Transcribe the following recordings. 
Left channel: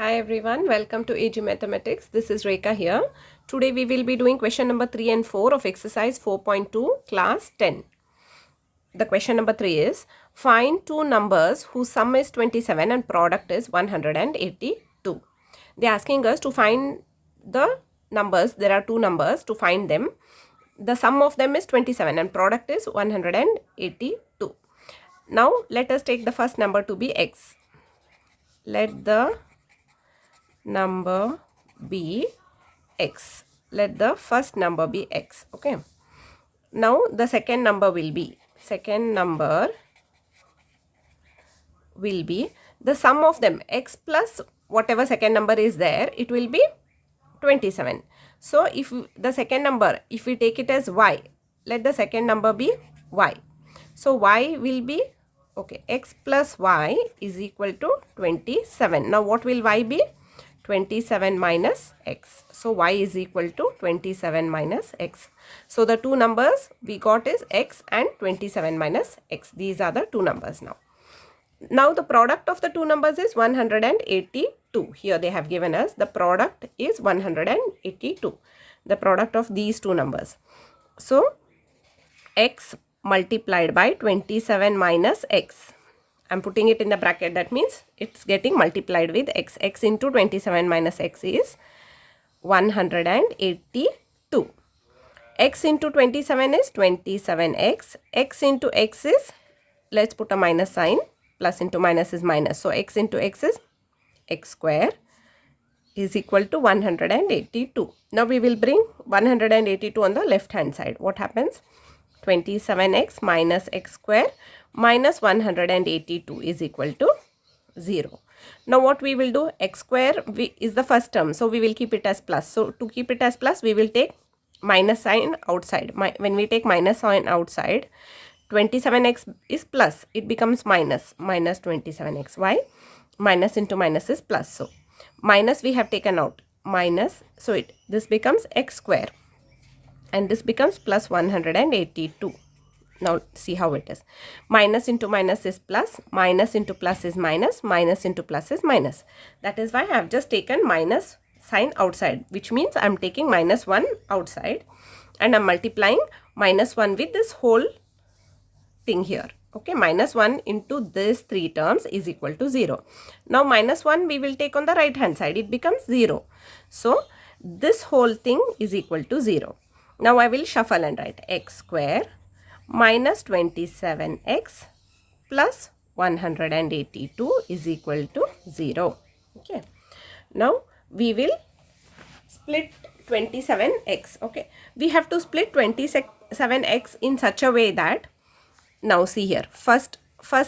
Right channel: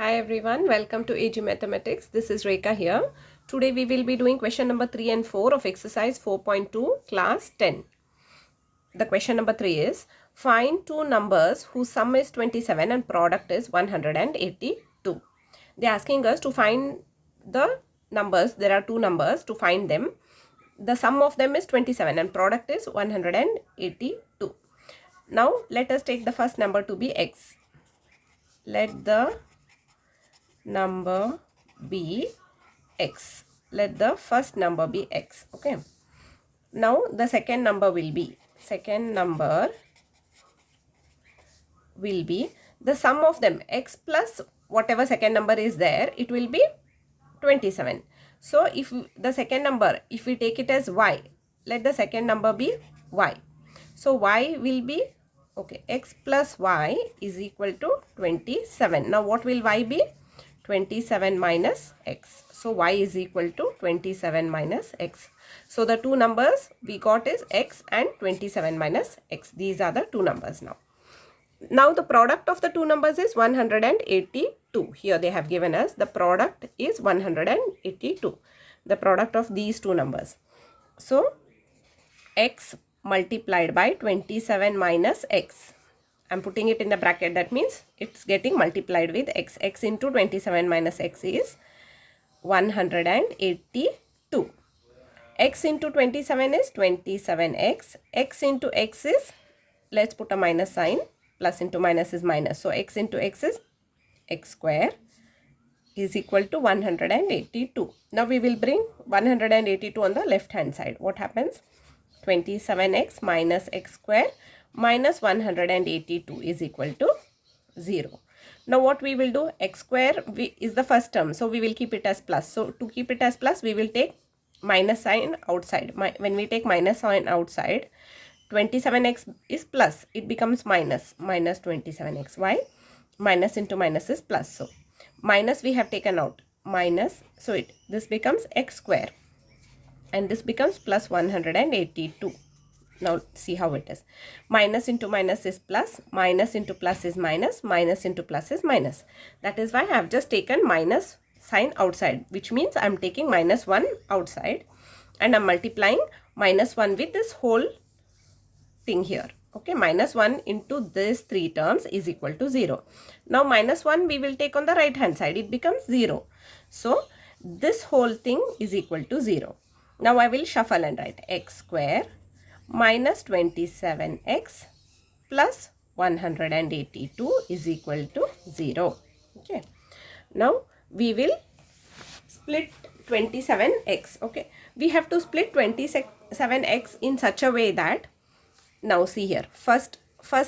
Hi everyone, welcome to AG Mathematics. This is Rekha here. Today we will be doing question number 3 and 4 of exercise 4.2 class 10. The question number 3 is find two numbers whose sum is 27 and product is 182. They are asking us to find the numbers. There are two numbers to find them. The sum of them is 27 and product is 182. Now let us take the first number to be x. Let the number be x. Let the first number be x. Okay. Now the second number will be the sum of them, x plus whatever second number is there, it will be 27. So if the second number, if we take it as y, let the second number be y. So y will be, okay, x plus y is equal to 27. Now what will y be? 27 minus x. So y is equal to 27 minus x. So the two numbers we got is x and 27 minus x. These are the two numbers now. Now the product of the two numbers is 182. Here they have given us the product is 182. The product of these two numbers. So x multiplied by 27 minus x. I'm putting it in the bracket. That means it's getting multiplied with x. X into 27 minus x is 182. X into 27 is 27x. X into x is, let's put a minus sign. Plus into minus is minus. So x into x is x square is equal to 182. Now we will bring 182 on the left hand side. What happens? 27x minus x square minus 182 is equal to 0. Now what we will do? X square is the first term. So we will keep it as plus. So to keep it as plus, we will take minus sign outside. When we take minus sign outside, 27x is plus. It becomes minus 27x. Why? Minus into minus is plus. So minus we have taken out. Minus. So this becomes x square. And this becomes plus 182. Now see how it is. Minus into minus is plus. Minus into plus is minus. Minus into plus is minus. That is why I have just taken minus sign outside. Which means I am taking minus 1 outside. And I am multiplying minus 1 with this whole thing here. Okay, minus 1 into these three terms is equal to 0. Now minus 1 we will take on the right hand side. It becomes 0. So this whole thing is equal to 0. Now I will shuffle and write x square minus 27x plus 182 is equal to 0. Okay. Now we will split 27x. Okay. We have to split 27x in such a way that, now see here, first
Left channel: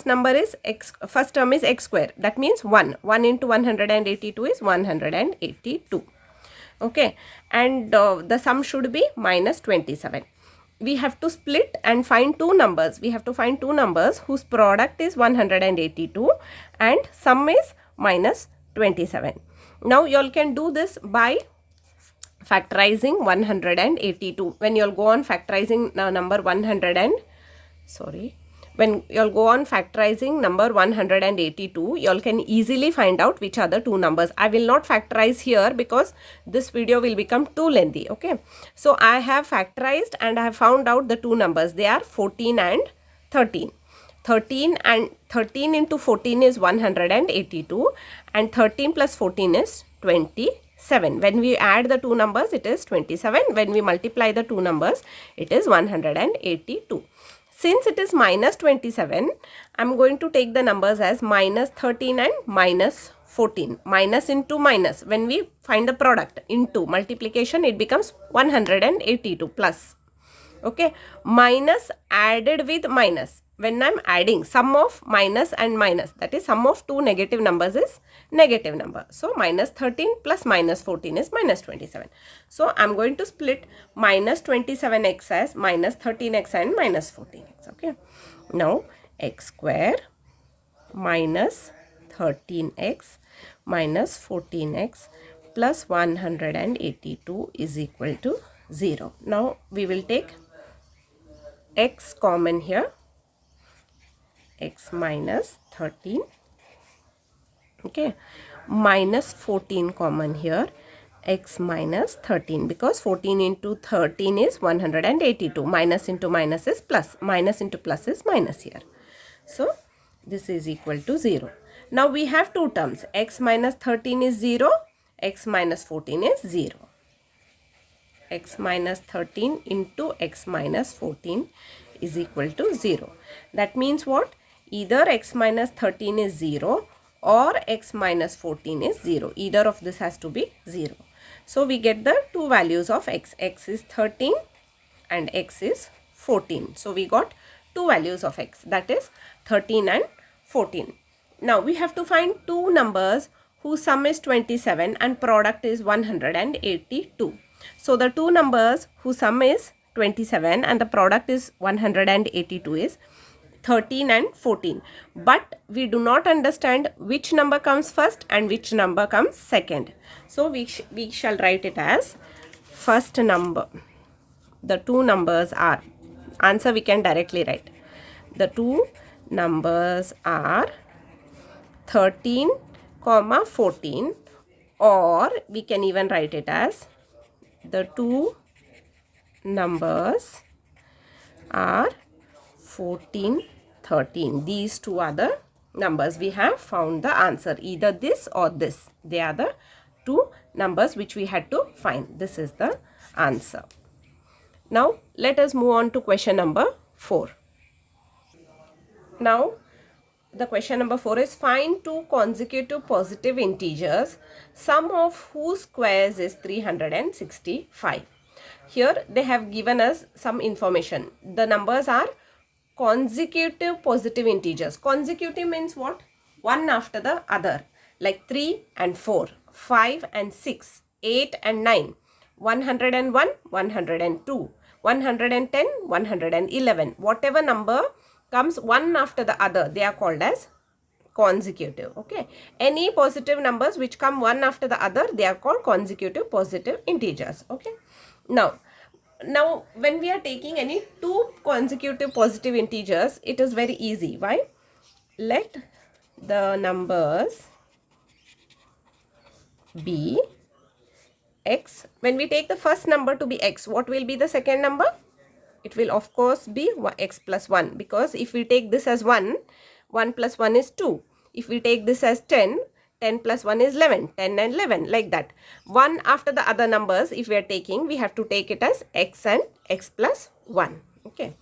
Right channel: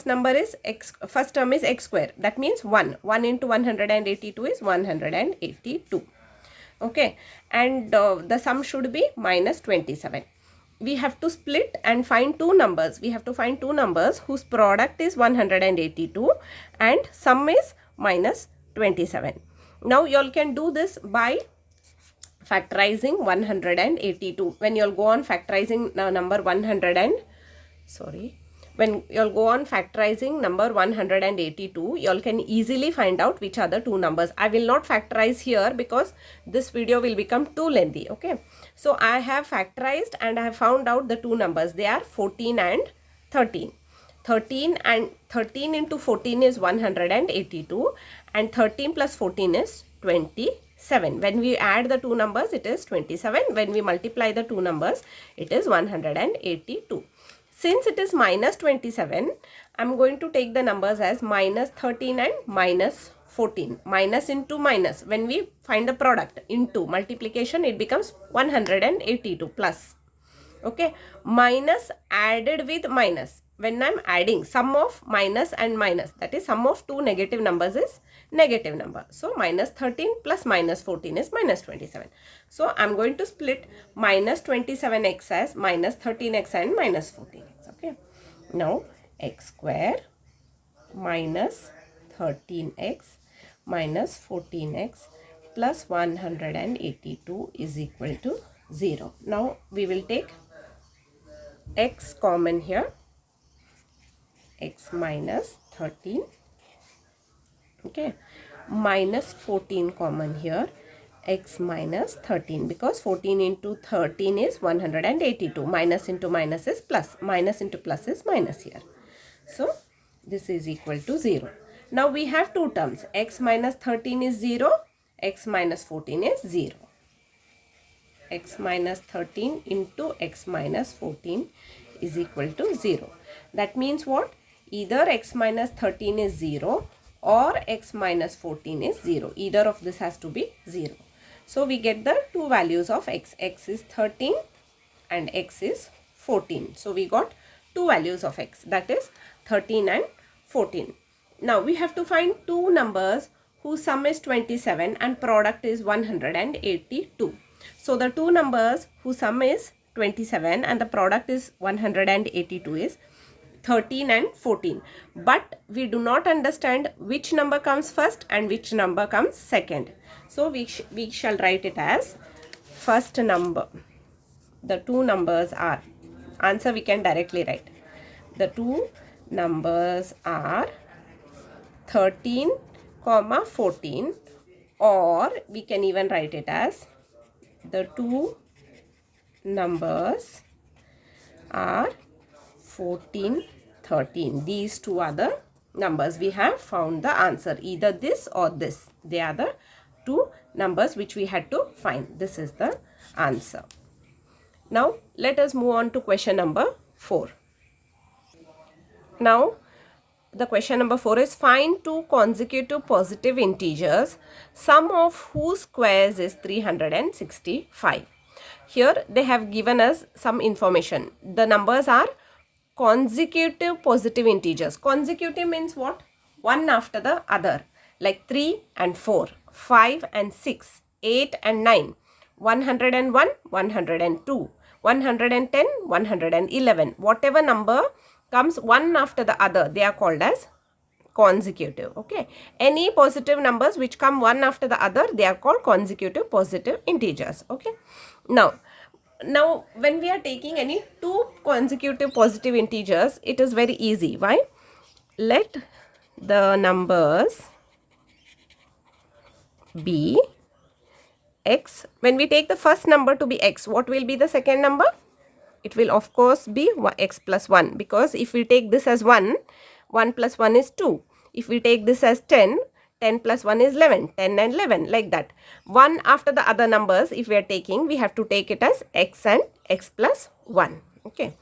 number is x, first term is x square. That means 1. 1 into 182 is 182. Okay, and the sum should be minus 27. We have to split and find two numbers. We have to find two numbers whose product is 182 and sum is minus 27. Now you all can do this by factorizing 182. When you all go on factorizing number 100 and when you all go on factorizing number 182, you all can easily find out which are the two numbers. I will not factorize here because this video will become too lengthy. Okay. So I have factorized and I have found out the two numbers. They are 14 and 13. 13 into 14 is 182 and 13 plus 14 is 27. When we add the two numbers, it is 27. When we multiply the two numbers, it is 182. Since it is minus 27, I am going to take the numbers as minus 13 and minus 14. Minus into minus. When we find the product into multiplication, it becomes 182 plus. Okay. Minus added with minus. When I am adding sum of minus and minus, that is sum of two negative numbers is negative number. So minus 13 plus minus 14 is minus 27. So I am going to split minus 27x as minus 13x and minus 14x. Okay. Now x square minus 13x minus 14x plus 182 is equal to 0. Now we will take x common here. X minus 13. Okay. minus 14 common here, x minus 13, because 14 into 13 is 182. Minus into minus is plus. Minus into plus is minus here. So this is equal to 0. Now we have two terms. X minus 13 is 0. X minus 14 is 0. X minus 13 into x minus 14 is equal to 0. That means what? Either x minus 13 is 0 or x minus 14 is 0. Either of this has to be 0. So we get the two values of x. X is 13 and x is 14. So we got two values of x, that is 13 and 14. Now we have to find two numbers whose sum is 27 and product is 182. So the two numbers whose sum is 27 and the product is 182 is 13 and 14. But we do not understand which number comes first and which number comes second. So we shall write it as first number. The two numbers are, answer we can directly write. The two numbers are 13, 14, or we can even write it as the two numbers are 14, 13. These two are the numbers. We have found the answer. Either this or this. They are the two numbers which we had to find. This is the answer. Now let us move on to question number 4. Now the question number 4 is find two consecutive positive integers, sum of whose squares is 365. Here they have given us some information. The numbers are consecutive positive integers. Consecutive means what? One after the other, like 3 and 4, 5 and 6, 8 and 9, 101, 102, 110, 111. Whatever number comes one after the other, they are called as consecutive. Okay, any positive numbers which come one after the other, they are called consecutive positive integers. Okay, now when we are taking any two consecutive positive integers, it is very easy. Why? Let the numbers be x. When we take the first number to be x, what will be the second number? It will of course be x plus 1, because if we take this as 1, 1 plus 1 is 2. If we take this as 10, 10 plus 1 is 11, 10 and 11, like that. One after the other numbers, if we are taking, we have to take it as x and x plus 1. Okay.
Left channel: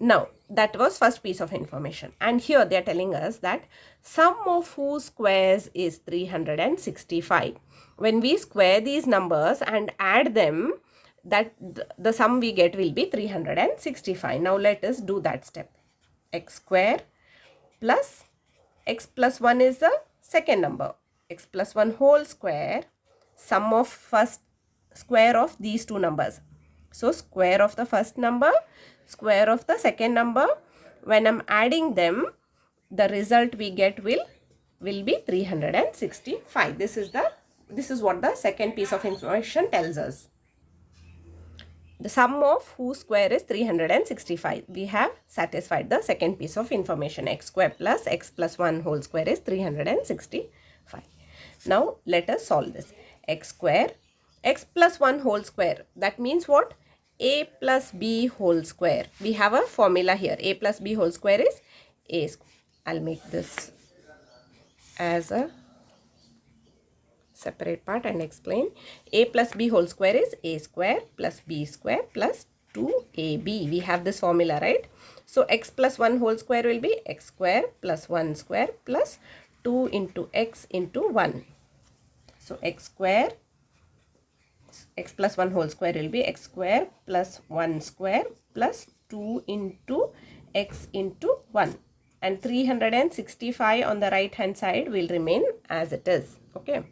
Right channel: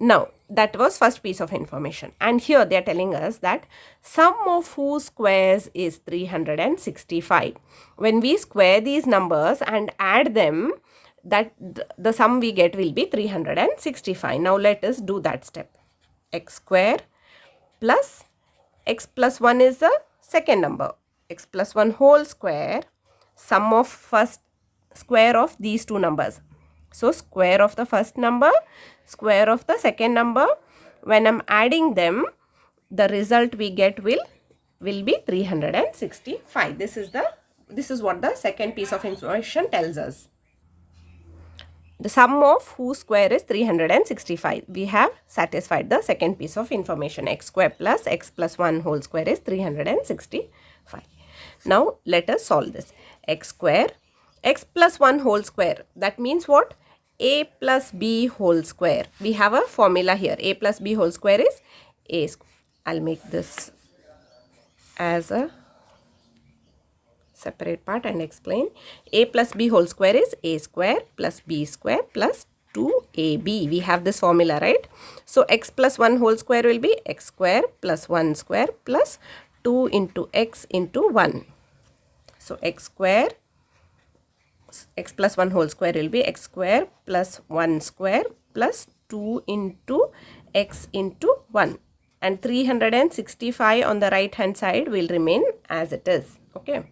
Now, that was first piece of information. And here they are telling us that sum of whose squares is 365. When we square these numbers and add them, that the sum we get will be 365. Now let us do that step. X square plus x plus 1 is the second number. X plus 1 whole square, sum of first square of these two numbers. So square of the first number, square of the second number. When I'm adding them, the result we get will be 365. This is what the second piece of information tells us. The sum of whose square is 365. We have satisfied the second piece of information. X square plus x plus 1 whole square is 365. Now let us solve this. X square, x plus 1 whole square. That means what? A plus b whole square. We have a formula here. A plus b whole square is a square. I'll make this as a separate part and explain. A plus b whole square is a square plus b square plus 2ab. We have this formula, right? So x plus 1 whole square will be x square plus 1 square plus 2 into x into 1. So x square, x plus 1 whole square will be x square plus 1 square plus 2 into x into 1. And 365 on the right hand side will remain as it is. Okay.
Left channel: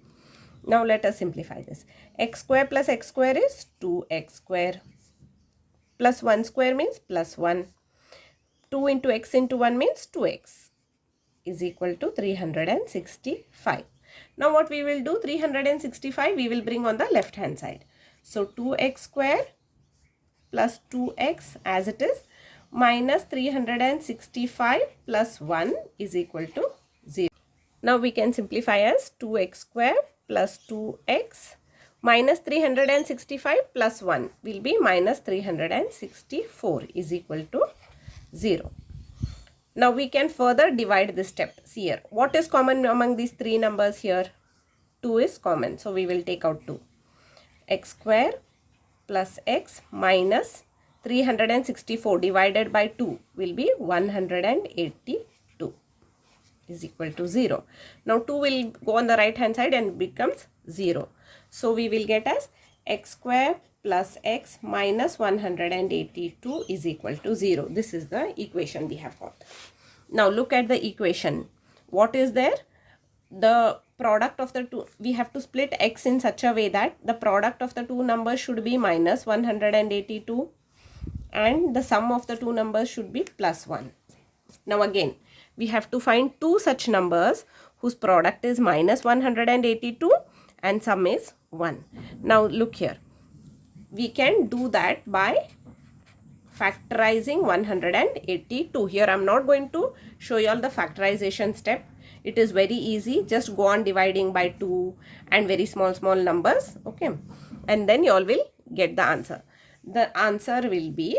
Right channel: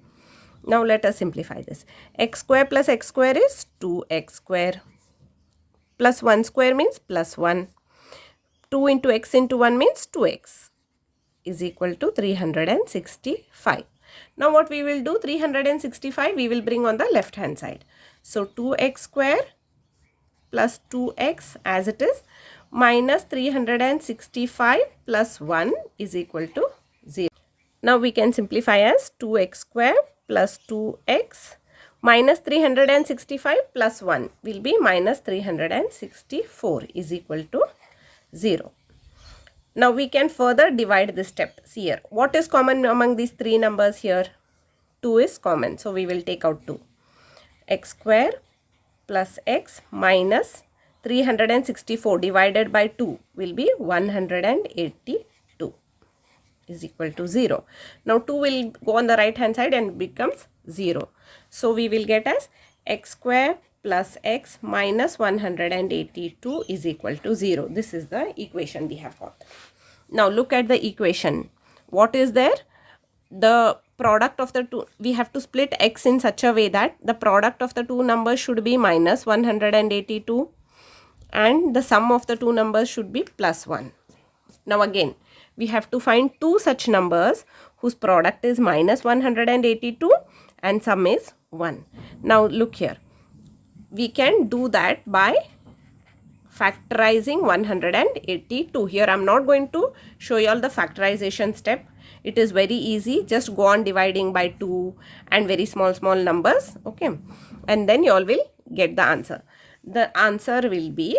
Now let us simplify this. X square plus x square is 2x square. Plus 1 square means plus 1. 2 into x into 1 means 2x is equal to 365. Now what we will do, 365 we will bring on the left hand side. So 2x square plus 2x as it is minus 365 plus 1 is equal to 0. Now we can simplify as 2x square plus 2x minus 365 plus 1 will be minus 364 is equal to 0. Now we can further divide this step. See here, what is common among these three numbers here? 2 is common, so we will take out 2. X square plus x minus 364 divided by 2 will be 182 is equal to 0. Now 2 will go on the right hand side and becomes 0. So we will get as x square plus x minus 182 is equal to 0. This is the equation we have got. Now look at the equation. What is there? The product of the two, we have to split x in such a way that the product of the two numbers should be minus 182 and the sum of the two numbers should be plus 1. Now again, we have to find two such numbers whose product is minus 182 and sum is 1. Now look here, we can do that by factorizing 182. Here I am not going to show you all the factorization step. It is very easy. Just go on dividing by 2 and very small numbers. Okay. And then you all will get the answer. The answer will be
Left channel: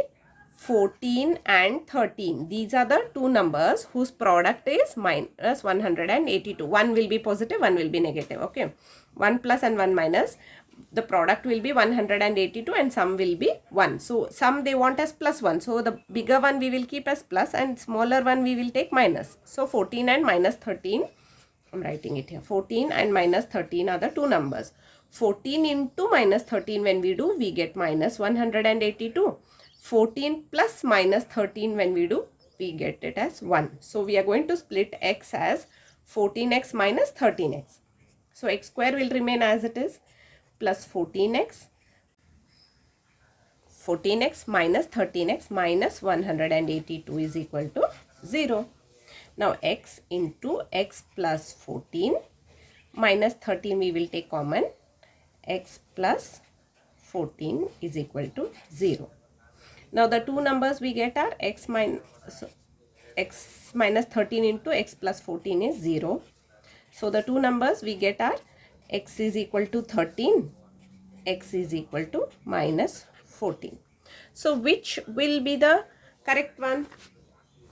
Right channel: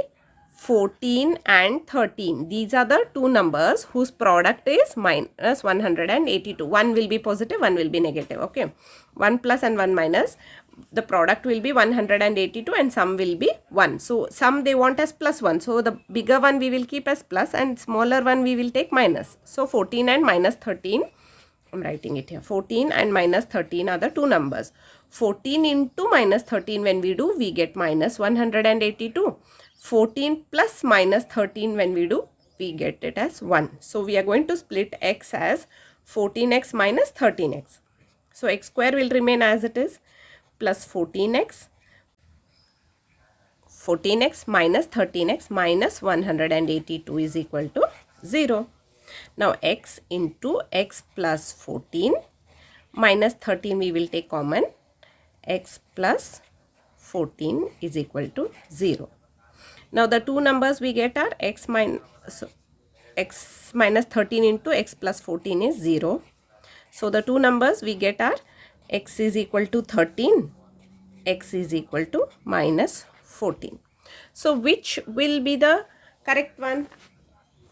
14 and 13. These are the two numbers whose product is minus 182. One will be positive, one will be negative. Okay. 1 plus and 1 minus. The product will be 182 and sum will be 1. So sum they want as plus 1. So the bigger one we will keep as plus and smaller one we will take minus. So 14 and minus 13. I am writing it here. 14 and minus 13 are the two numbers. 14 into minus 13 when we do, we get minus 182. 14 plus minus 13 when we do, we get it as 1. So we are going to split x as 14x minus 13x. So x square will remain as it is, plus 14x minus 13x minus 182 is equal to 0. Now x into x plus 14 minus 13 we will take common. X plus 14 is equal to 0. Now the two numbers we get are x minus 13 into x plus 14 is 0. So the two numbers we get are x is equal to 13, x is equal to minus 14. So which will be the correct one?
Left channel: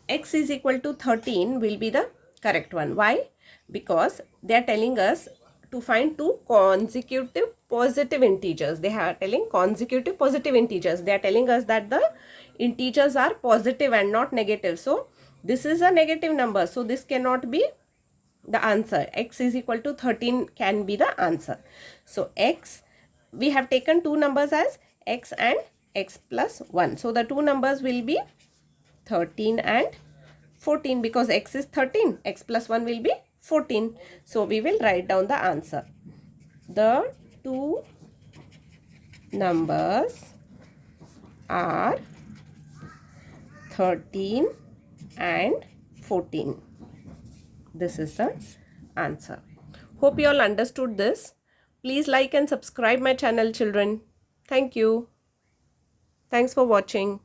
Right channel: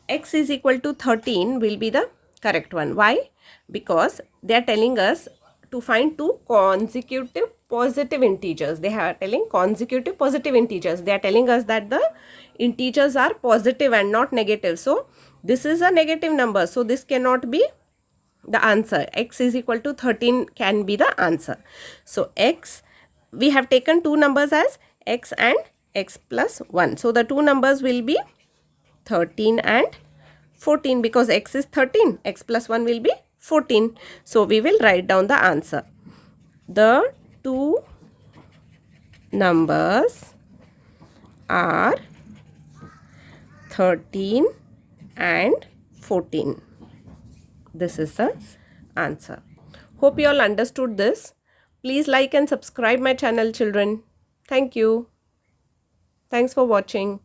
X is equal to 13 will be the correct one. Why? Because they are telling us to find two consecutive positive integers. They are telling consecutive positive integers. They are telling us that the integers are positive and not negative. So this is a negative number. So this cannot be the answer. X is equal to 13 can be the answer. So x, we have taken two numbers as x and x plus 1. So the two numbers will be 13 and 14 because x is 13. X plus 1 will be 14. So we will write down the answer. The two numbers are 13 and 14. This is the answer. Hope you all understood this. Please like and subscribe my channel, children. Thank you. Thanks for watching.